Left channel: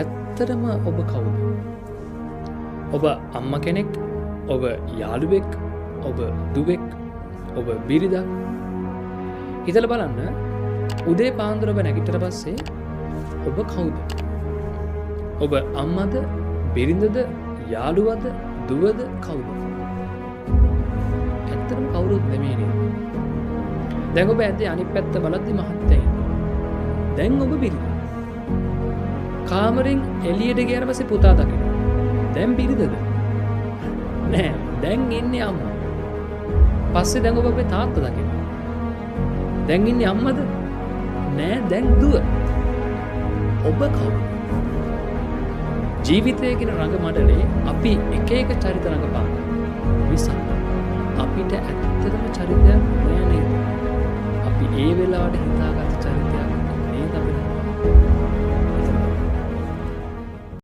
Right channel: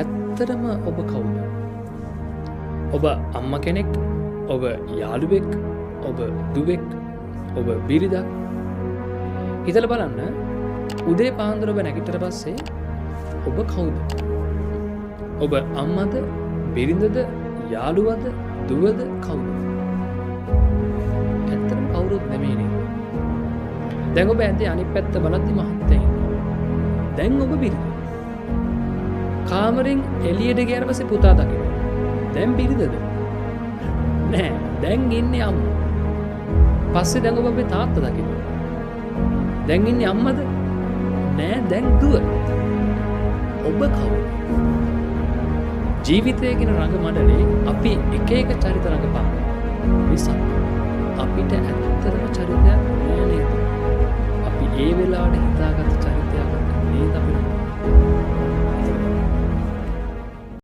ඇත්තටම ඔබ කවුද? ඔබ අම්මා කෙනෙක්, ඔබ යාළුවෙක්, ඔබ දුවෙක්, ඔබ බිරිඳක්. හිතලා බලන්න උදේ පාන්දර ඔබ නැගිටට පස්සේ ඔබ කවුද? ඔබ අම්මද, බිරිඳද, යාළුවද, දුවද කවුද? ඇත්තටම කවුරුත් නෙමෙයි නේද? දැන් ඔබ ඇද්දේ අනිත් පැත්ත බලද්දි මහත්තයා ඉන්නවා. දැන් ඔබ බිරිඳ. කාමරෙන් එළියට ගියාට පස්සේ පුතා දකිනවා. දැන් බිරිඳද? නෑ, දැන් ඉන්නේ අම්මා. පස්සේ දැන් ඔබ අපේ තාත්තා දකිනවා. දැන් ඉන්නේ අම්මද? නෑ, දැන් දුව. ඔබ කවුද? ජීවිතය කියන රඟ මඩලේ අපි එක එක චරිත රඟපාන මිසක් අපිට ඇත්තටම චරිතයක් නෑ නේද? අපි ඒ වෙලාවට හිතාගත්ත චරිතයක් නේද අපි රඟපාන්නේ.